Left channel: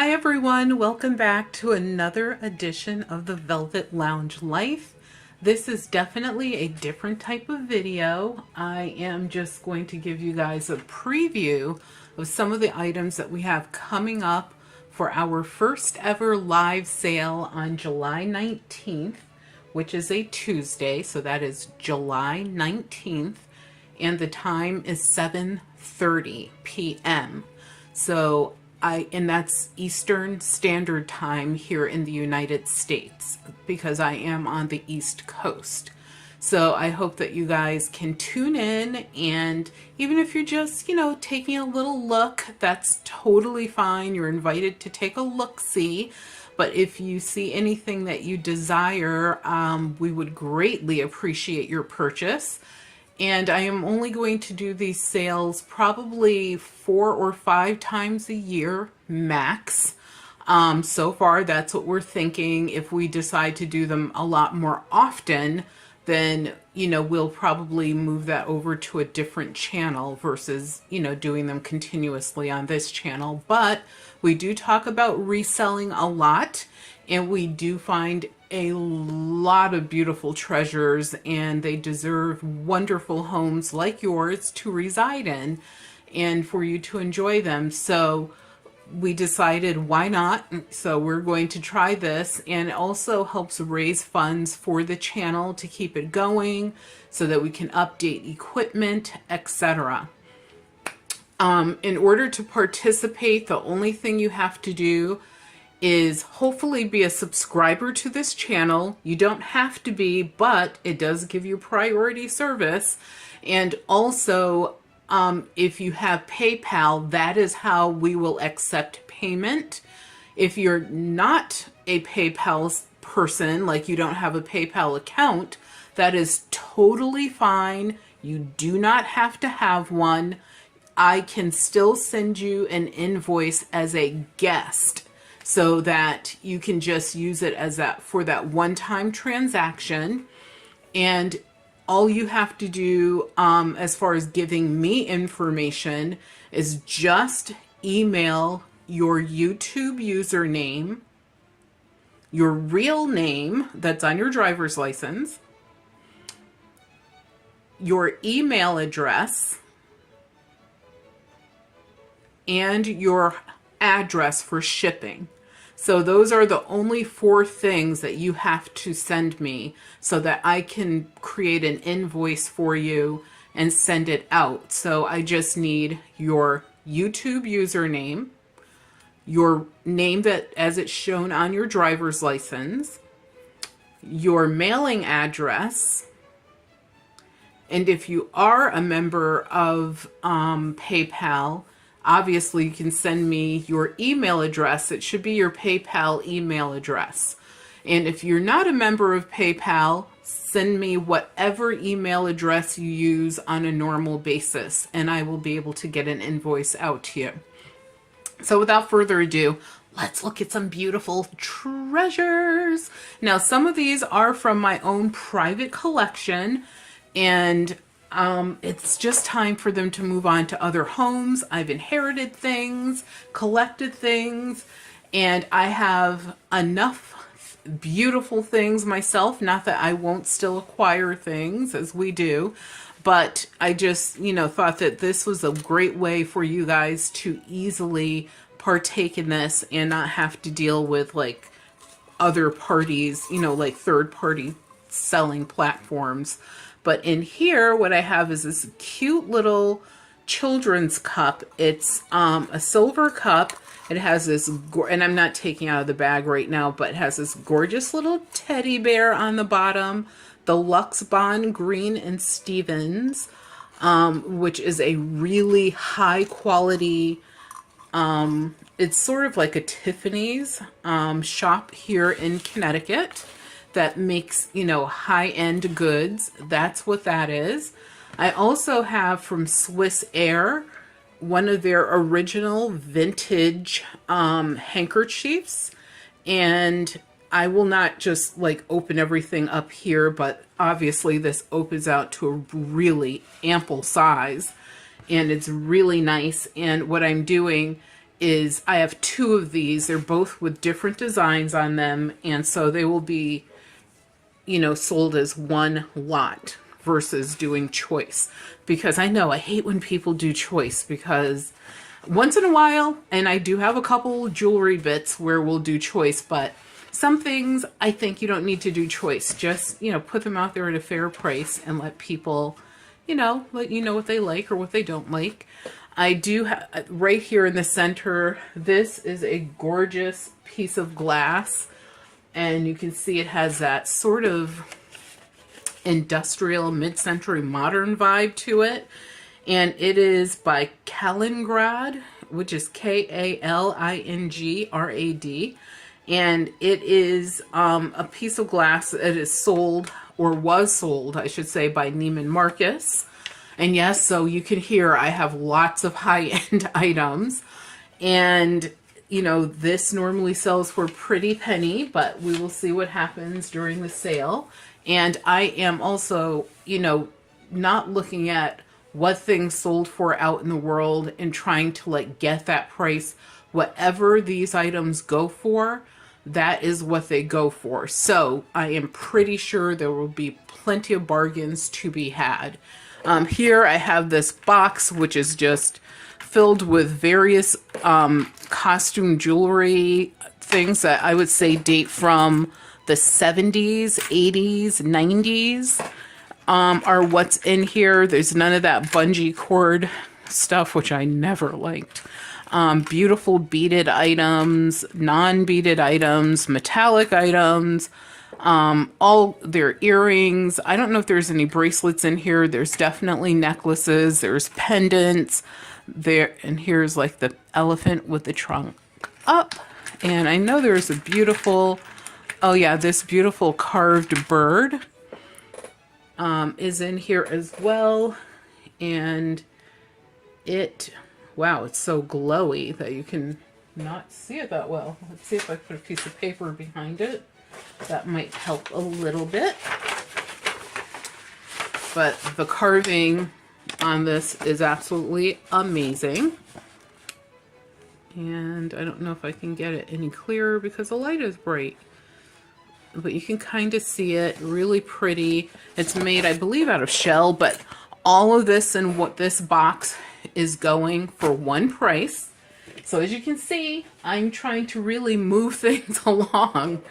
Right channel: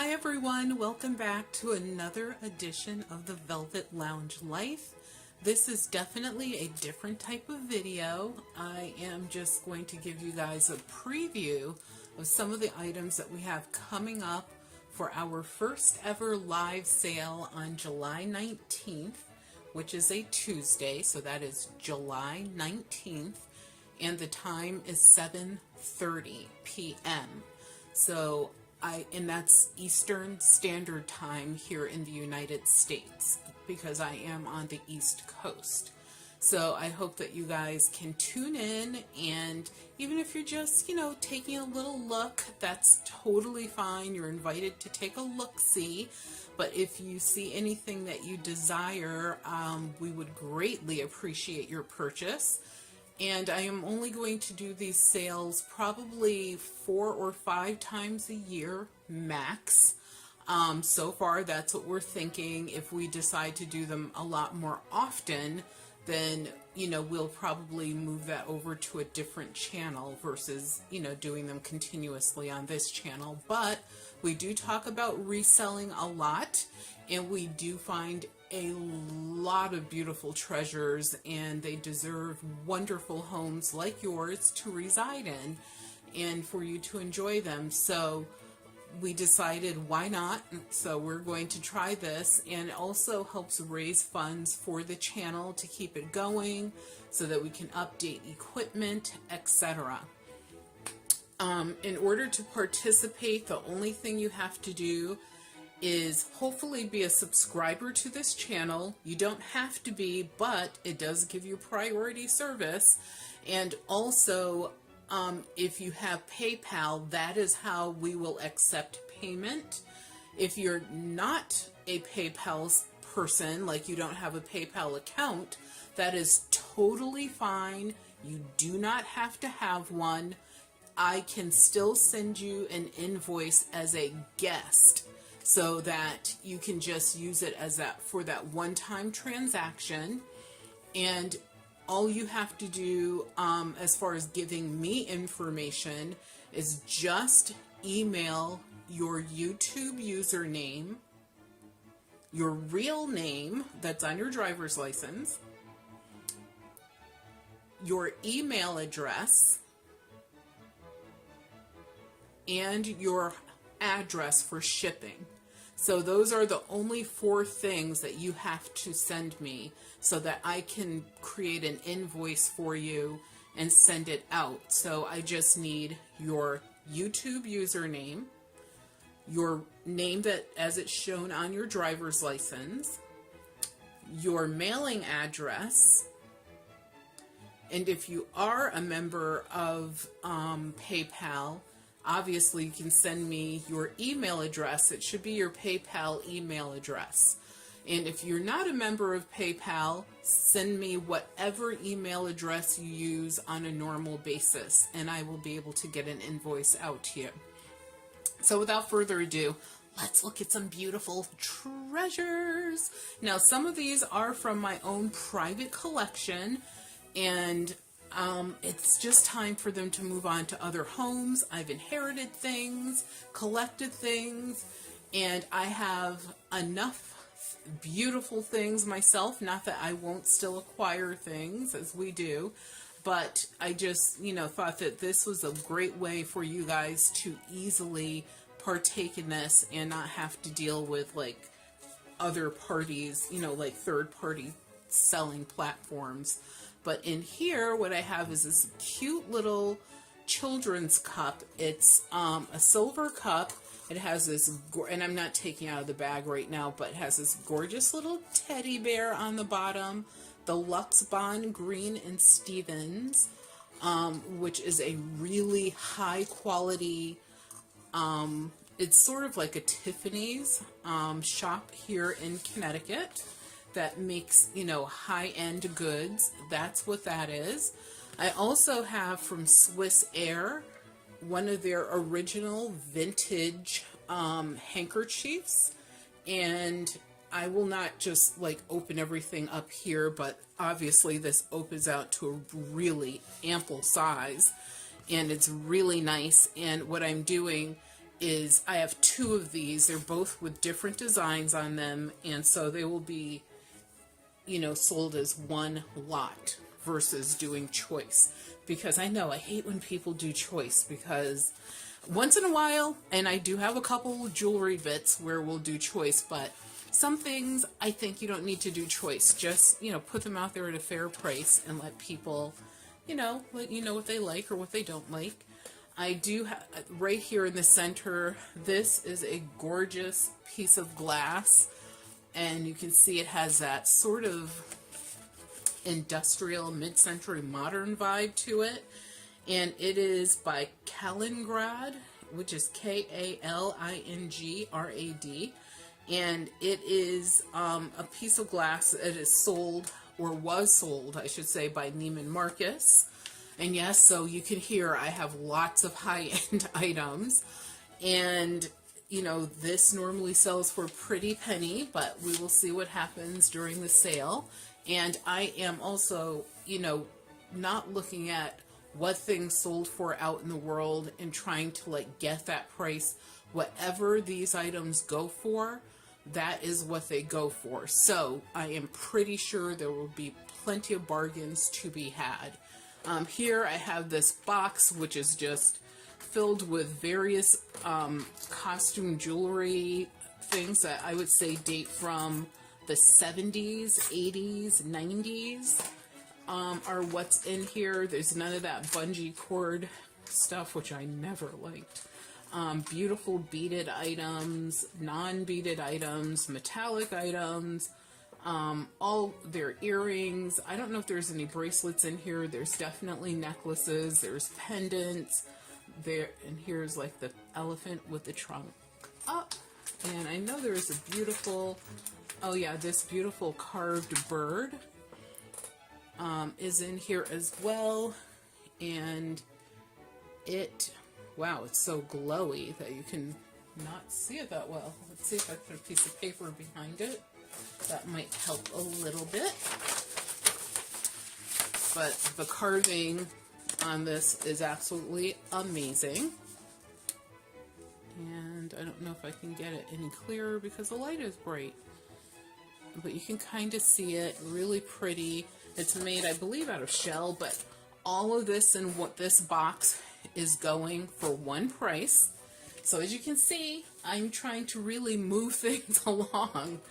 Hi everyone, welcome back to another edition of the Velvet Lounge Life. This is definitely a different type of video. I am just going to give you guys a preview of some of the items that we have coming up for our first ever live sale on July 19th, which is a Tuesday, so that is July 19th, and the time is 7:30 p.m. So and that's Eastern Standard Time here in the United States because I am on the East Coast. So I hope that you guys can tune in, and even if you're just, taking a little look, that's totally fine. You're invited to take a look-see. But if you see anything that you desire, we would greatly appreciate your purchase. And I am only going to do these sales probably 4 or 5 times a year max. So far, that's what we're thinking. If we decide to do them a lot more often, then, we'll probably move that over to a different channel versus, doing them continuously on this channel. But we do talk about reselling a lot, and we do find a lot of beautiful treasures, and they deserve wonderful homes like yours to reside in and for you to enjoy them. So we decided, why not? So we're going to try this, and it also helps raise funds for the channel to keep it going so that we can update equipment, etc. In order to participate, the only thing you have to do is hopefully be a subscriber to this channel. You don't have to be, but it does give you priority service. And also, if you have PayPal, that is how we will accept payment. If you're not a PayPal person, like you don't have a PayPal account, that is totally fine. You do not have to have one. I can still send you an invoice as a guest, so that you can just use it as for that one-time transaction. And all you have to do as far as giving me information is just email your YouTube username, your real name that's on your driver's license, your email address, and your address for shipping. So those are the only 4 things that you have to send me so that I can create an invoice for you and send it out. So I just need your YouTube username, your name that as it's shown on your driver's license, your mailing address, and if you are a member of PayPal, obviously, you can send me your email address. It should be your PayPal email address. And if you're not a member of PayPal, send me whatever email address you use on a normal basis, and I will be able to get an invoice out to you. So without further ado, let's look at some beautiful treasures. Now, some of these are from my own private collection, and it's just time for them to move on to other homes. I've inherited things, collected things, and I have enough beautiful things myself. Not that I won't still acquire things as we do, but I just, thought that this was a great way for you guys to easily partake in this and not have to deal with like other parties, like third-party selling platforms. But in here, what I have is this cute little children's cup. It's a silver cup. It has this, and I'm not taking out of the bag right now, but it has this gorgeous little teddy bear on the bottom. The Lux Bond Green and Stevens, which is a really high quality, it's sort of like a Tiffany's shop here in Connecticut that makes, high-end goods. That's what that is. I also have from Swiss Air one of their original vintage handkerchiefs, and I will not just like open everything up here, but obviously this opens out to a really ample size, and it's really nice. And what I'm doing is I have two of these. They're both with different designs on them, and so they will be, you know, sold as one lot versus doing choice. Because I know I hate when people do choice, because once in a while, and I do have a couple jewelry bits where we'll do choice, but some things I think you don't need to do choice. Just, you know, put them out there at a fair price and let people, you know, let you know what they like or what they don't like. I do have right here in the center, this is a gorgeous piece of glass, and you can see it has that sort of industrial mid-century modern vibe to it, and it is by Kaliningrad, which is Kalingrad, and it is a piece of glass that is sold, or was sold I should say, by Neiman Marcus. And yes, so you can hear I have lots of high-end items, and you know, this normally sells for a pretty penny, but we will see what happens during the sale. And I am also, you know, not looking at what things sold for out in the world and trying to like get that price. Whatever these items go for, that is what they go for. So I am pretty sure there will be plenty of bargains to be had. Here I have this box, which is just filled with various costume jewelry things that I would say date from the 70s, 80s, 90s are what's in here. There's none of that bungee cord stuff, which I never liked. Beautiful beaded items, non-beaded items, metallic items, all their earrings. I don't know if there's any bracelets in here. There's definitely necklaces. There's pendants there. And here's like the elephant with the trunk up. And I know there's a beautiful, oh yeah, this beautiful carved bird is in here as well. And it, wow, it's so glowy that you can not see it that well. Let's see if I put a piece of paper behind it. That might help a little bit. But the carving on this is absolutely amazing. And I don't know if I can get it any clearer because the light is bright. But you can kind of see it, really pretty. It's made, I believe, out of shell, but all of this and what this box is going for one price. So as you can see, I'm trying to really move things along.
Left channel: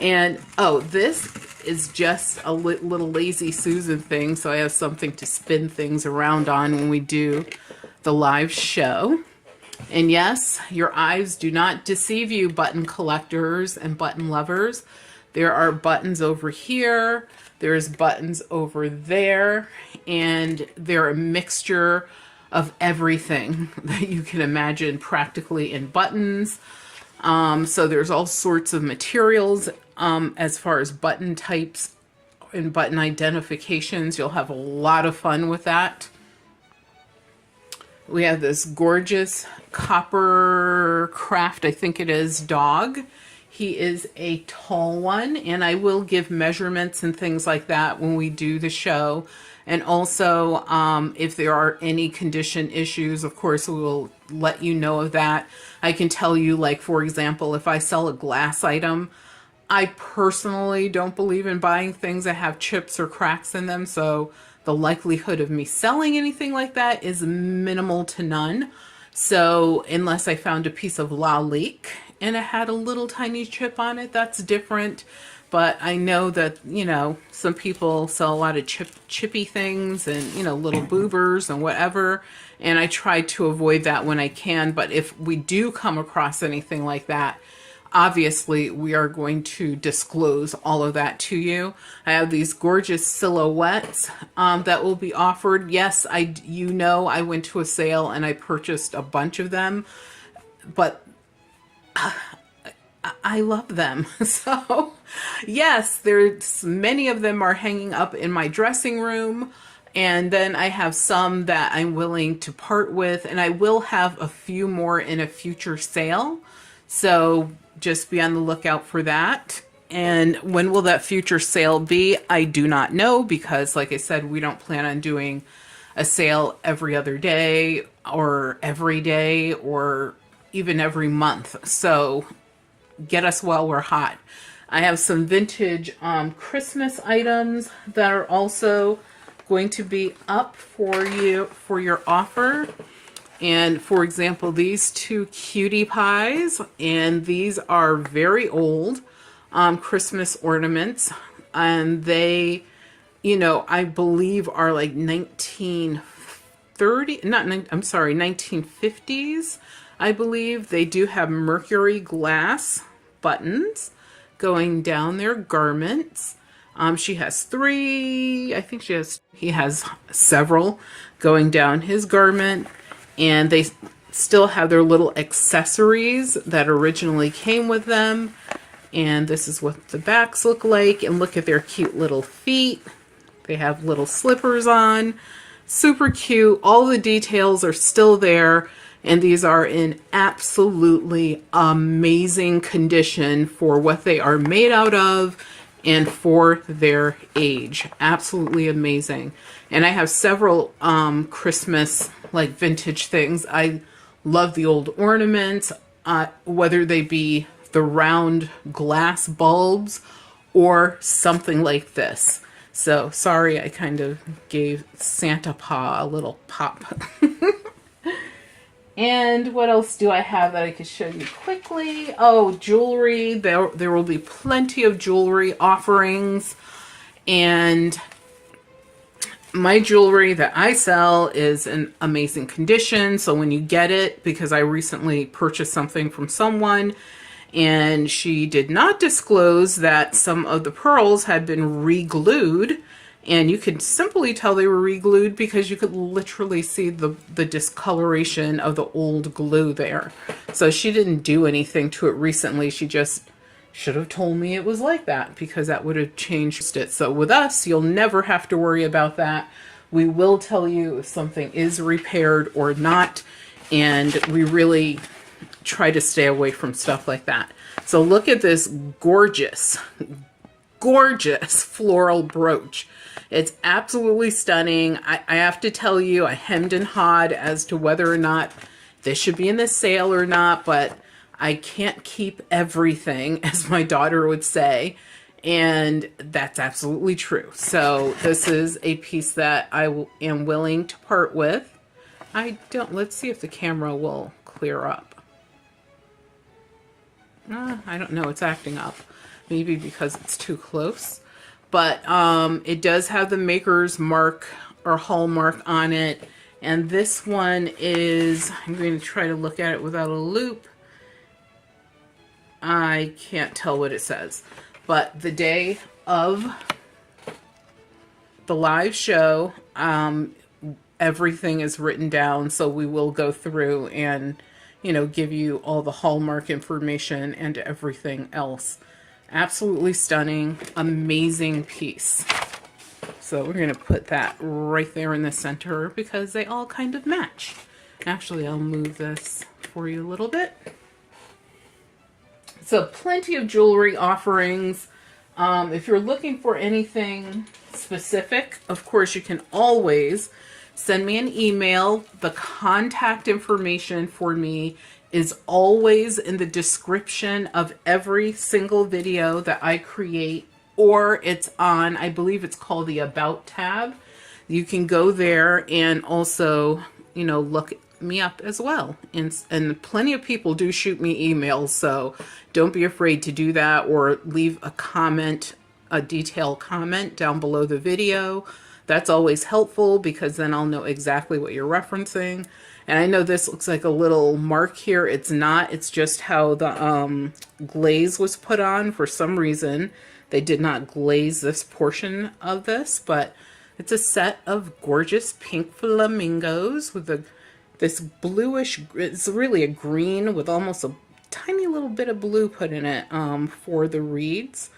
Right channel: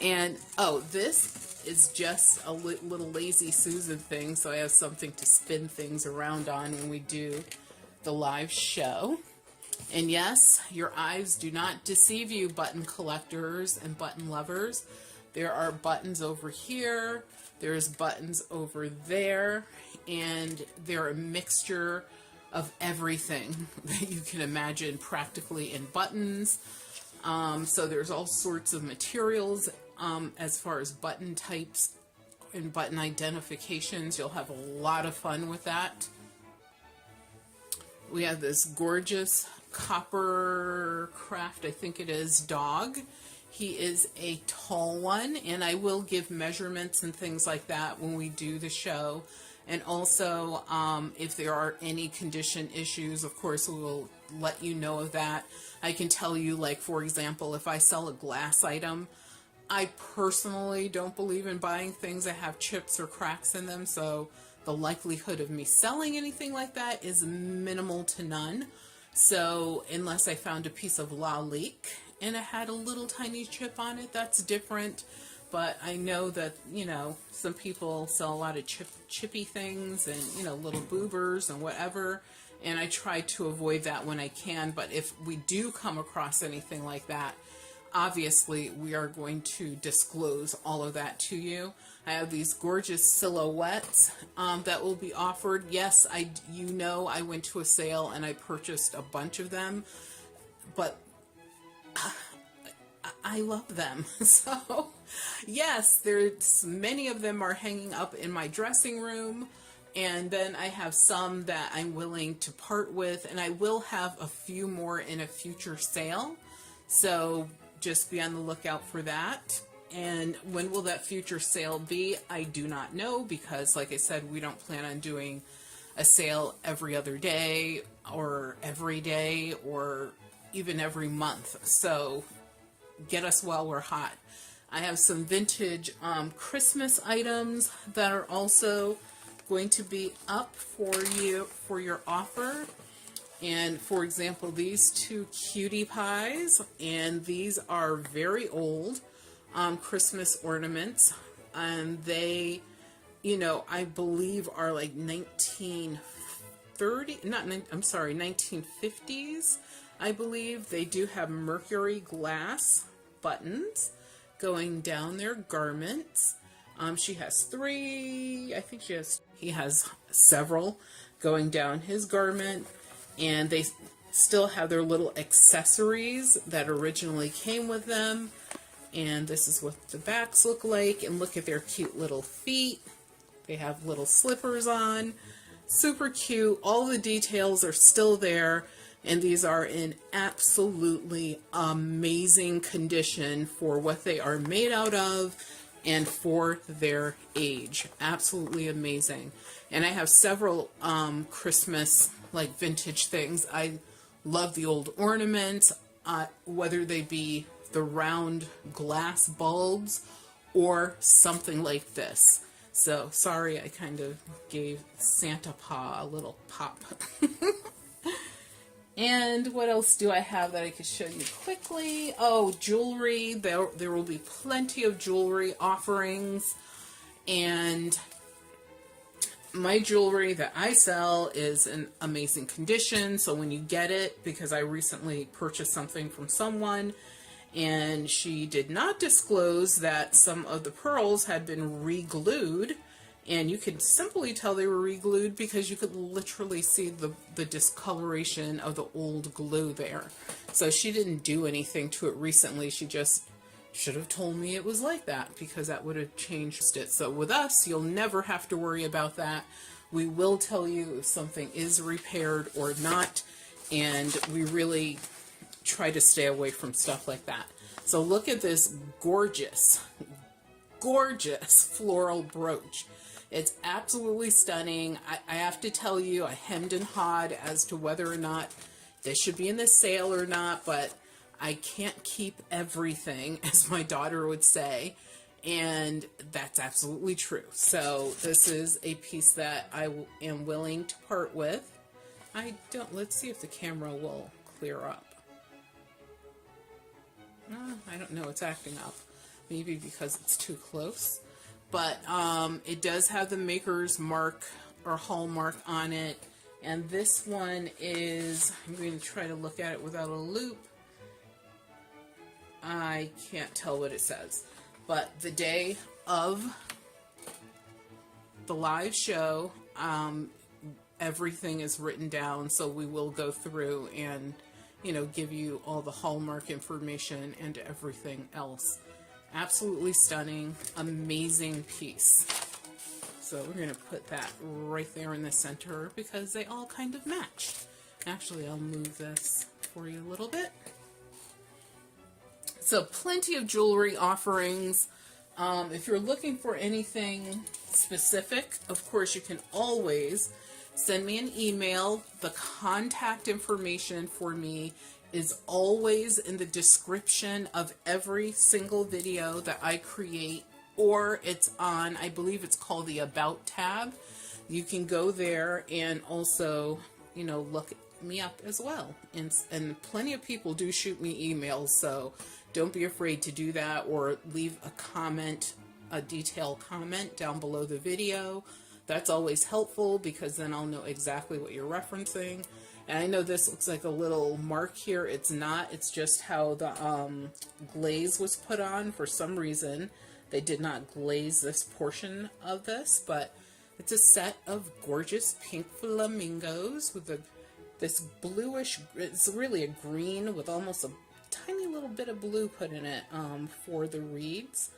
And oh, this is just a little lazy Susan thing, so I have something to spin things around on when we do the live show. And yes, your eyes do not deceive you, button collectors and button lovers. There are buttons over here, there's buttons over there, and they're a mixture of everything that you can imagine practically in buttons. So there's all sorts of materials as far as button types and button identifications. You'll have a lot of fun with that. We have this gorgeous copper craft, I think it is, dog. He is a tall one, and I will give measurements and things like that when we do the show. And also, if there are any condition issues, of course, we will let you know of that. I can tell you, like, for example, if I sell a glass item, I personally don't believe in buying things that have chips or cracks in them. So the likelihood of me selling anything like that is minimal to none. So unless I found a piece of lalique and it had a little tiny chip on it, that's different. But I know that, you know, some people sell a lot of chippy things and, you know, little boobers and whatever. And I try to avoid that when I can. But if we do come across anything like that, obviously we are going to disclose all of that to you. I have these gorgeous silhouettes that will be offered. Yes, you know, I went to a sale and I purchased a bunch of them. But I love them. So yes, there's many of them are hanging up in my dressing room, and then I have some that I'm willing to part with, and I will have a few more in a future sale, so just be on the lookout for that. And when will that future sale be? I do not know, because like I said, we don't plan on doing a sale every other day or every day, or even every month. So get us while we're hot. I have some vintage Christmas items that are also going to be up for you for your offer. And for example, these two cutie pies, and these are very old Christmas ornaments, and they, you know, I believe are like 1930, I'm sorry, 1950s. I believe they do have mercury glass buttons going down their garments. She has three, I think he has several going down his garment, and they still have their little accessories that originally came with them. And this is what the backs look like, and look at their cute little feet. They have little slippers on, super cute. All the details are still there, and these are in absolutely amazing condition for what they are made out of and for their age. Absolutely amazing. And I have several Christmas like vintage things. I love the old ornaments, whether they be the round glass bulbs or something like this. So sorry, I kind of gave Santa Paw a little pop. And what else do I have that I could show you quickly? Oh, jewelry. There will be plenty of jewelry offerings. And my jewelry that I sell is in amazing condition. So when you get it, because I recently purchased something from someone, and she did not disclose that some of the pearls had been re-glued, and you could simply tell they were re-glued because you could literally see the discoloration of the old glue there. So she didn't do anything to it recently. She just should have told me it was like that, because that would have changed it. So with us, you'll never have to worry about that. We will tell you if something is repaired or not, and we really try to stay away from stuff like that. So look at this gorgeous, gorgeous floral brooch. It's absolutely stunning. I have to tell you, I hemmed and hawed as to whether or not this should be in the sale or not, but I can't keep everything, as my daughter would say, and that's absolutely true. So this is a piece that I am willing to part with. Let's see if the camera will clear up. I don't know, it's acting up. Maybe because it's too close. But it does have the maker's mark or hallmark on it. And this one is, I'm going to try to look at it without a loop. I can't tell what it says. But the day of the live show, everything is written down. So we will go through and, you know, give you all the hallmark information and everything else. Absolutely stunning, amazing piece. So we're going to put that right there in the center because they all kind of match. Actually, I'll move this for you a little bit. So plenty of jewelry offerings. If you're looking for anything specific, of course, you can always send me an email. The contact information for me is always in the description of every single video that I create, or it's on, I believe it's called the About tab. You can go there and also, you know, look me up as well. And plenty of people do shoot me emails, so don't be afraid to do that, or leave a comment, a detailed comment down below the video. That's always helpful because then I'll know exactly what you're referencing. And I know this looks like a little mark here. It's not. It's just how the glaze was put on. For some reason, they did not glaze this portion of this, but it's a set of gorgeous pink flamingos with this bluish, it's really a green with almost a tiny little bit of blue put in it for the reeds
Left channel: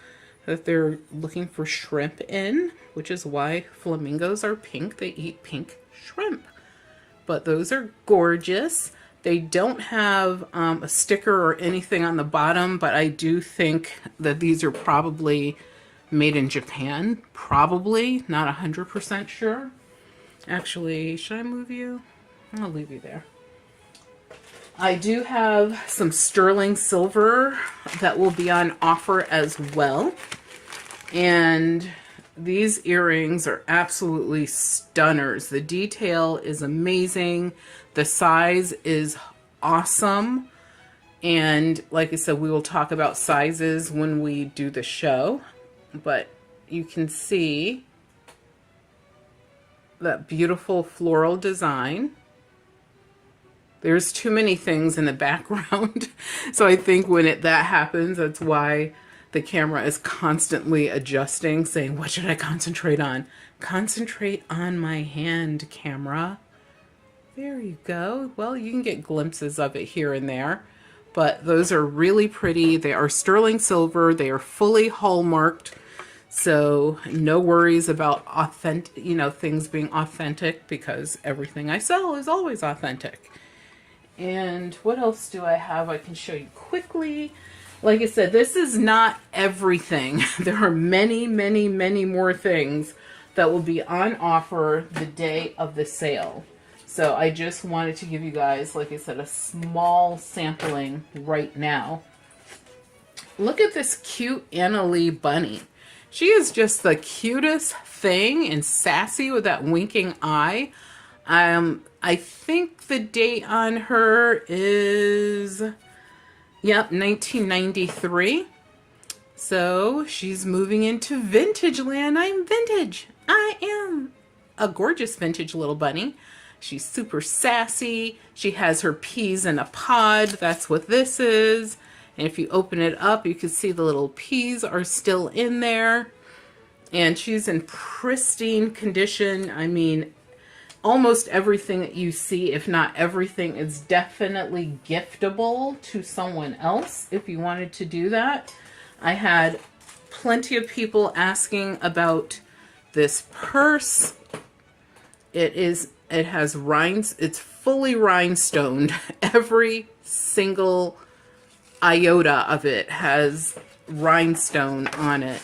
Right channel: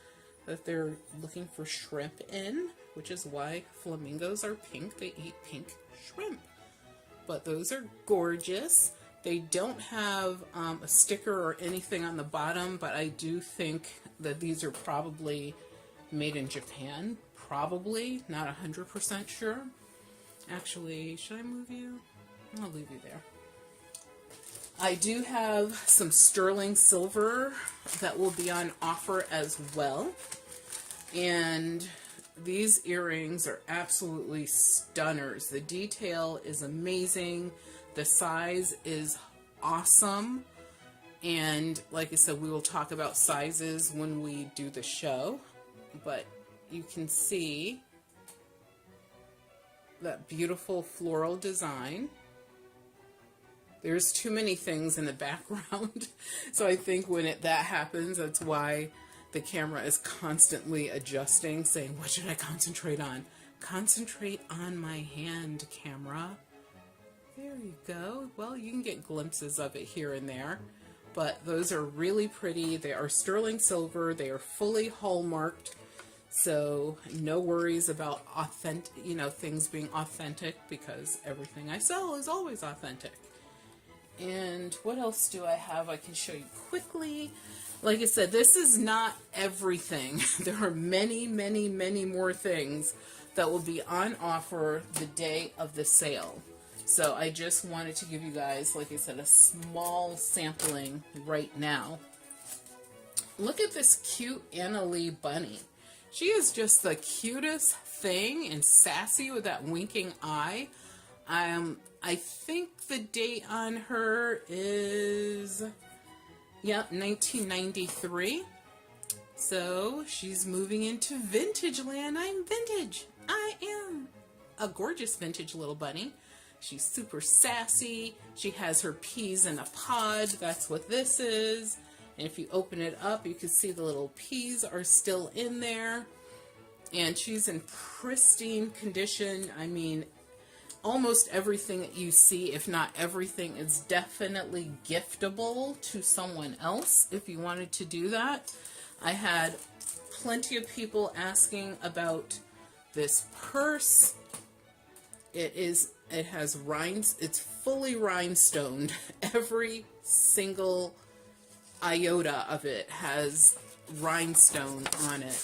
that they're looking for shrimp in, which is why flamingos are pink. They eat pink shrimp. But those are gorgeous. They don't have a sticker or anything on the bottom, but I do think that these are probably made in Japan. Probably, not 100% sure. Actually, should I move you? I'll leave you there. I do have some sterling silver that will be on offer as well. And these earrings are absolutely stunners. The detail is amazing. The size is awesome. And like I said, we will talk about sizes when we do the show. But you can see that beautiful floral design. There's too many things in the background. So I think when that happens, that's why the camera is constantly adjusting, saying, what should I concentrate on? Concentrate on my hand, camera. There you go. Well, you can get glimpses of it here and there. But those are really pretty. They are sterling silver. They are fully hallmarked. So no worries about authentic, things being authentic, because everything I sell is always authentic. And what else do I have I can show you quickly? Like I said, this is not everything. There are many, many, many more things that will be on offer the day of the sale. So I just wanted to give you guys, like I said, a small sampling right now. Look at this cute Anna Lee bunny. She is just the cutest thing, and sassy with that winking eye. I think the date on her is, yep, 1993. So she's moving into vintage land. I'm vintage. I am a gorgeous vintage little bunny. She's super sassy. She has her peas in a pod. That's what this is. And if you open it up, you can see the little peas are still in there. And she's in pristine condition. I mean, almost everything that you see, if not everything, is definitely giftable to someone else if you wanted to do that. I had plenty of people asking about this purse. It has rhinestones. It's fully rhinestoned. Every single iota of it has rhinestone on it.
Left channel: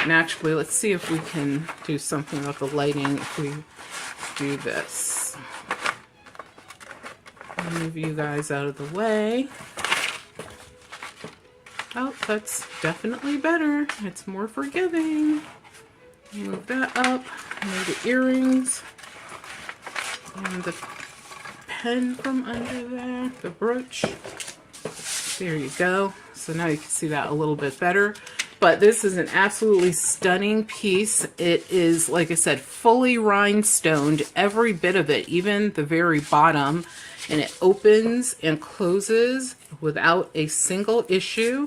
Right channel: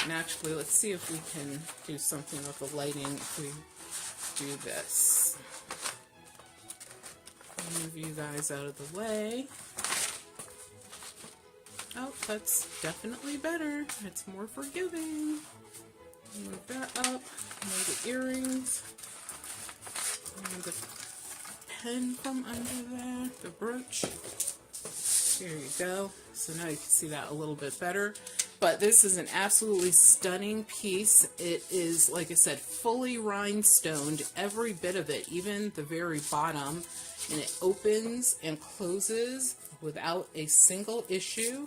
And actually, let's see if we can do something about the lighting if we do this. Move you guys out of the way. Oh, that's definitely better. It's more forgiving. Move that up. Move the earrings. And the pen from under there. The brooch. There you go. So now you can see that a little bit better. But this is an absolutely stunning piece. It is, like I said, fully rhinestoned, every bit of it, even the very bottom. And it opens and closes without a single issue.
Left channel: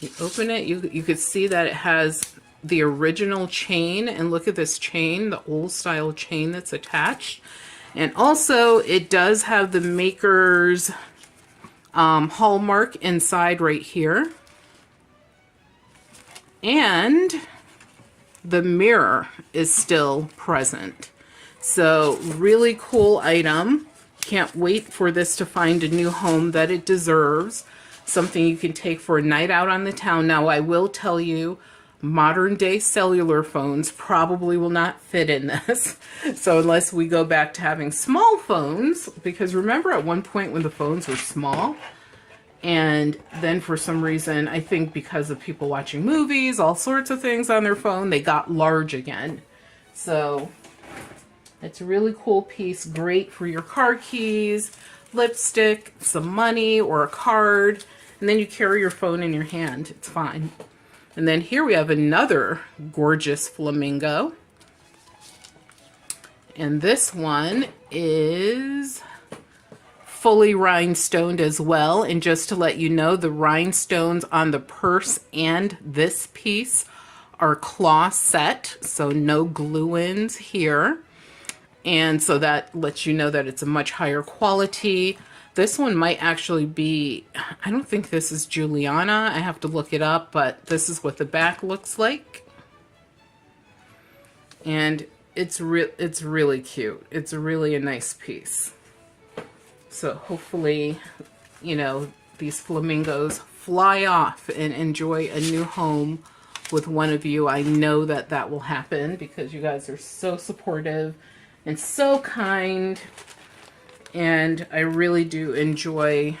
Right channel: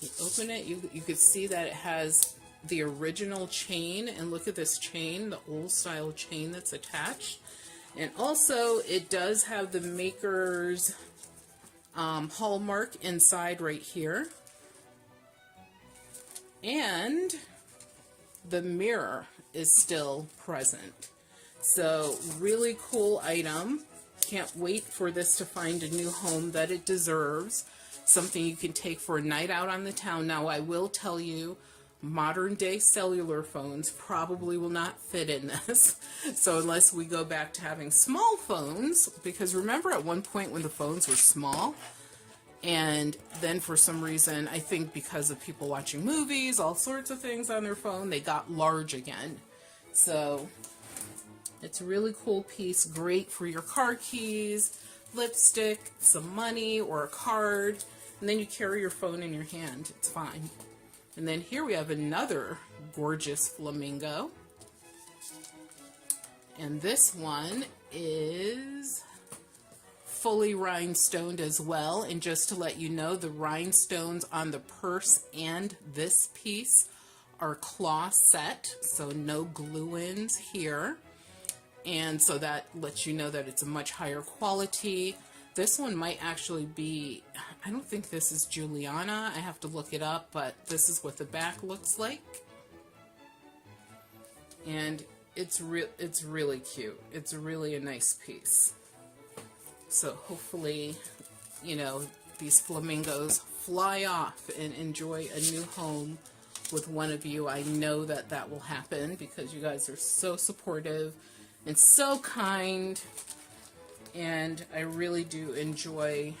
You open it, you could see that it has the original chain. And look at this chain, the old style chain that's attached. And also, it does have the maker's hallmark inside right here. And the mirror is still present. So really cool item. Can't wait for this to find a new home that it deserves. Something you can take for a night out on the town. Now, I will tell you, modern day cellular phones probably will not fit in this. So unless we go back to having small phones, because remember at one point when the phones were small, and then for some reason, I think because of people watching movies, all sorts of things on their phone, they got large again. So it's a really cool piece, great for your car keys, lipstick, some money, or a card, and then you carry your phone in your hand. It's fine. And then here we have another gorgeous flamingo. And this one is fully rhinestoned as well. And just to let you know, the rhinestones on the purse and this piece are claw set, so no glue-ins here. And so that lets you know that it's a much higher quality. This one might actually be, I don't think this is Juliana. I have to look it up, but this is what the back looks like. And it's really cute. It's really a nice piece. So hopefully, you know, these flamingos fly off and enjoy a new home with one of you. I know that that will happen because you guys are so supportive and so kind. And I really do enjoy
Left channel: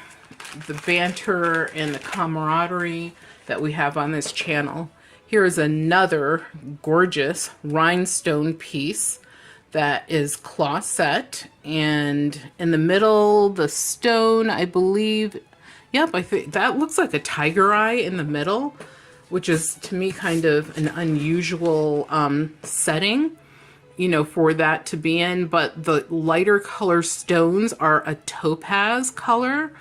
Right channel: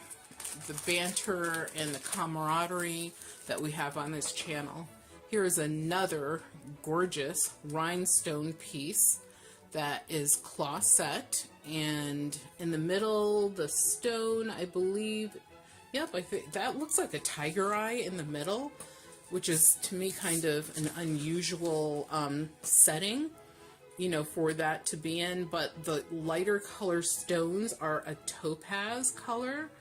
the banter and the camaraderie that we have on this channel. Here is another gorgeous rhinestone piece that is cloth set, and in the middle, the stone, I believe, yep, I think that looks like a tiger eye in the middle, which is to me kind of an unusual setting, you know, for that to be in. But the lighter color stones are a topaz color.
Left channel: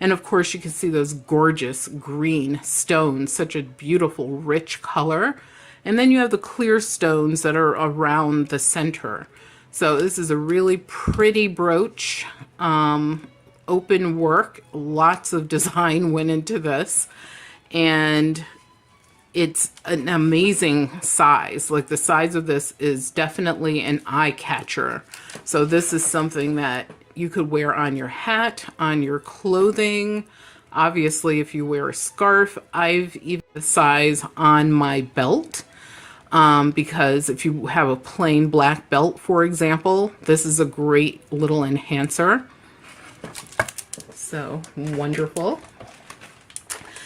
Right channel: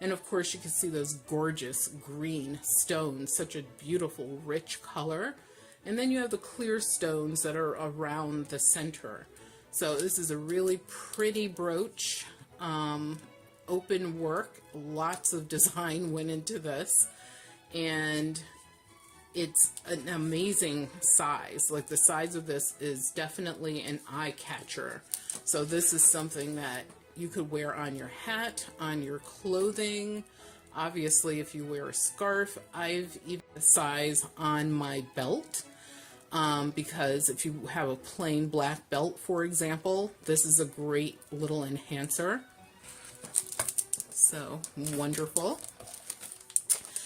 And of course you can see those gorgeous green stones, such a beautiful, rich color. And then you have the clear stones that are around the center. So this is a really pretty brooch, open work, lots of design went into this. And it's an amazing size. Like, the size of this is definitely an eye catcher. So this is something that you could wear on your hat, on your clothing. Obviously, if you wear a scarf, I've even the size on my belt. Because if you have a plain black belt, for example, this is a great little enhancer. So wonderful.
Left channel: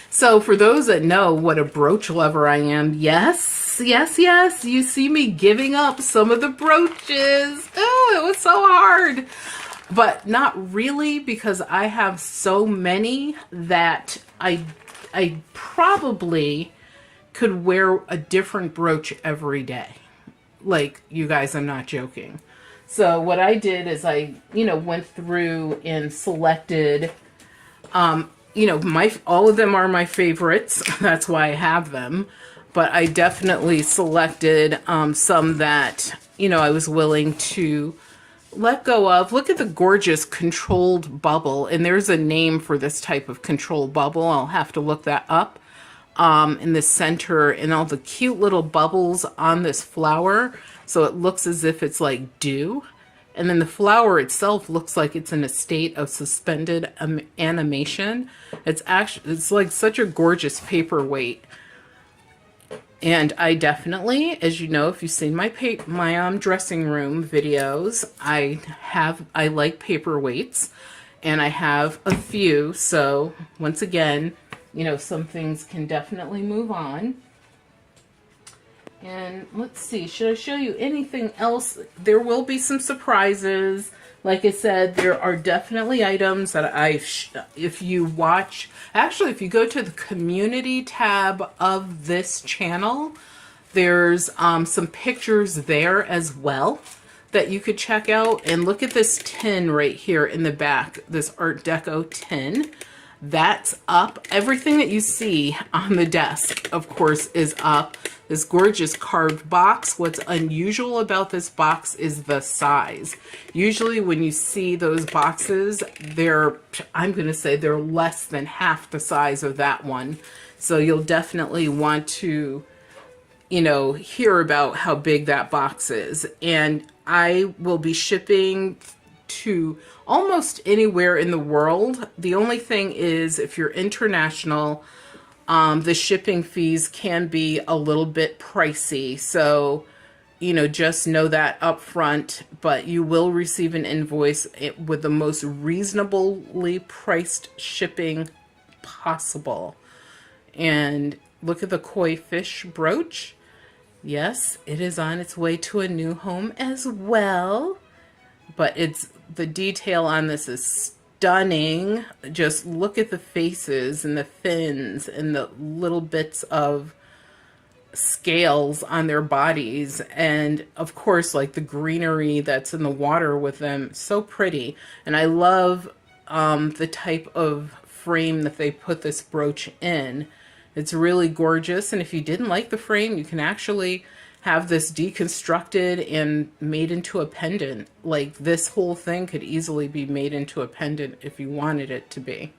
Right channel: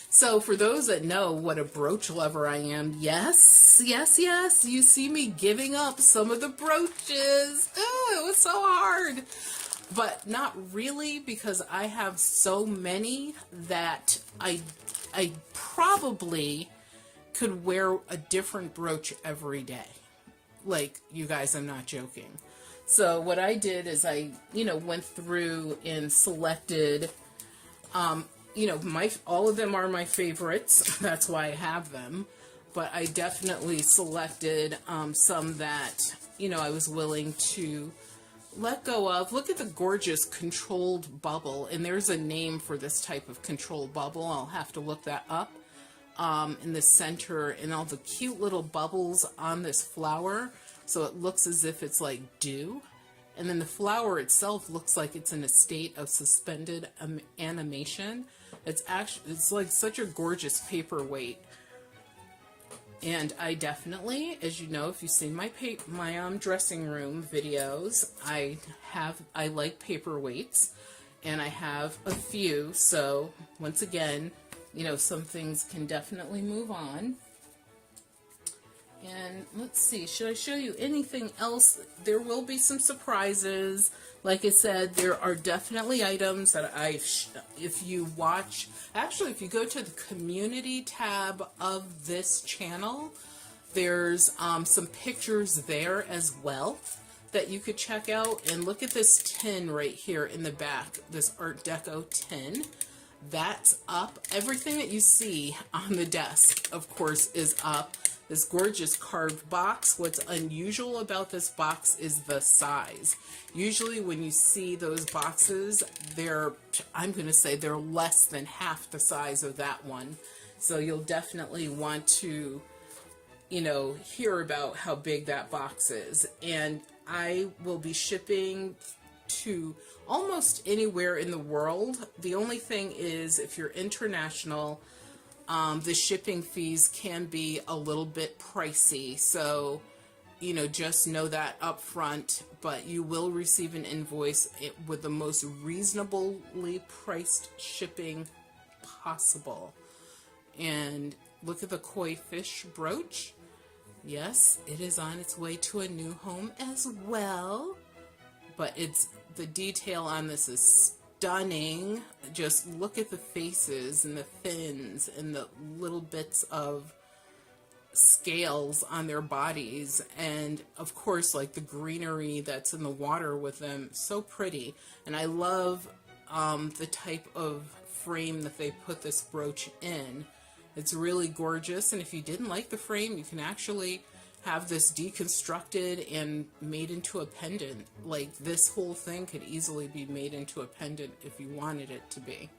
So for those that know what a brooch lover I am, yes, you see me giving up some of the brooches. Oh, it was so hard. But not really, because I have so many that I probably could wear a different brooch every day. Like, you guys, I'm not joking. So what I did is I, went through and selected, all of them are my favorites. That's why I have them. But I definitely selected some that, I was willing to let go of. Look at the gorgeous controlled bubble. And there's a name for this type of controlled bubble. I'll have to look that up. In the center, and all the cute little bubbles on this flower, so it looks as if it's like dew. And then the flower itself looks like it's in a state of suspended animation. It's like such a gorgeous paperweight. And I definitely, as you know, if you've seen my dressing room videos, I like paperweights, and I have a few. So once again, some things can definitely move on. And let's see, should I show you anything else? There will be some surprises. Like I said, there are definitely items that if you go to the community tab of this channel, there's some pictures there as well that you could check out. And look at this tin right here in the back, this Art Deco tin. That's up. Everything that you see on the desk, of course, is up. This gorgeous carved box. What's unusual about this box is the size. Usually when you see those boxes, I'm going to say they're less than half the size of that one. So you'll definitely want to, hear about how big that box is. And I will be shipping to almost anywhere in the world. The only thing is, if you're international, the shipping fees can be a little bit pricey. So, just know that up front, but you will receive an invoice with the most reasonably priced shipping possible. And look at the koi fish brooch. Yes, it is on its way to a new home as well. But the detail on this is stunning. Just look at the faces and the fins and the little bits of scales on their bodies. And of course, like the greenery that's in the water with them. So pretty. And I love the type of frame that they put this brooch in. It's really gorgeous. And if you didn't like the frame, you can actually have this deconstructed and made into a pendant. Like, this whole thing could easily be made into a pendant if you wanted it to be.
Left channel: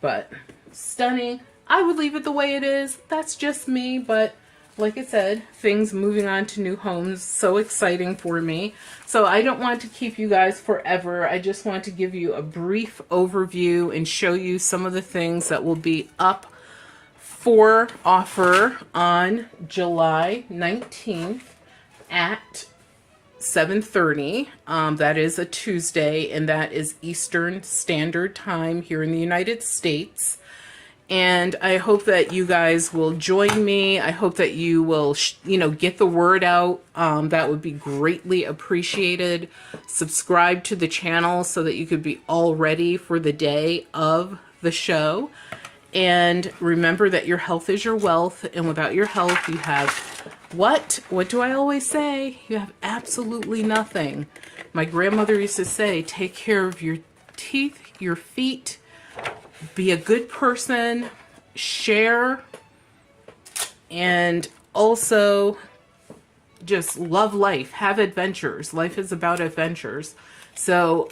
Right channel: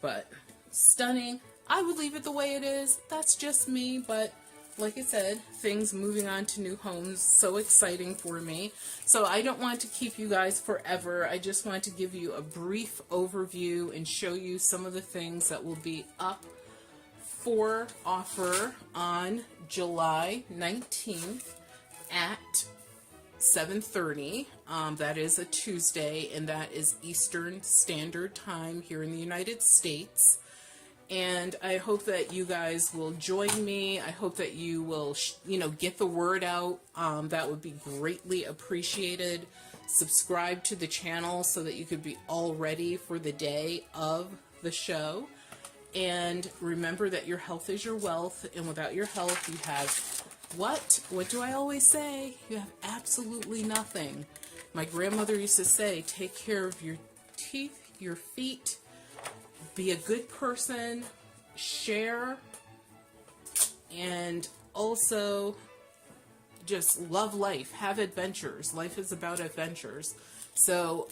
But stunning. I would leave it the way it is. That's just me. But like I said, things moving on to new homes, so exciting for me. So I don't want to keep you guys forever. I just want to give you a brief overview and show you some of the things that will be up for offer on July 19th at 7:30. That is a Tuesday, and that is Eastern Standard Time here in the United States. And I hope that you guys will join me. I hope that you will, get the word out. That would be greatly appreciated. Subscribe to the channel so that you could be all ready for the day of the show. And remember that your health is your wealth, and without your health, you have what? What do I always say? You have absolutely nothing. My grandmother used to say, take care of your teeth, your feet, be a good person, share, and also just love life, have adventures. Life is about adventures. So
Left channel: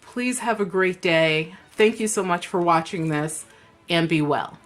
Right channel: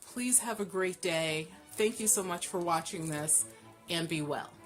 please have a great day. Thank you so much for watching this, and be well.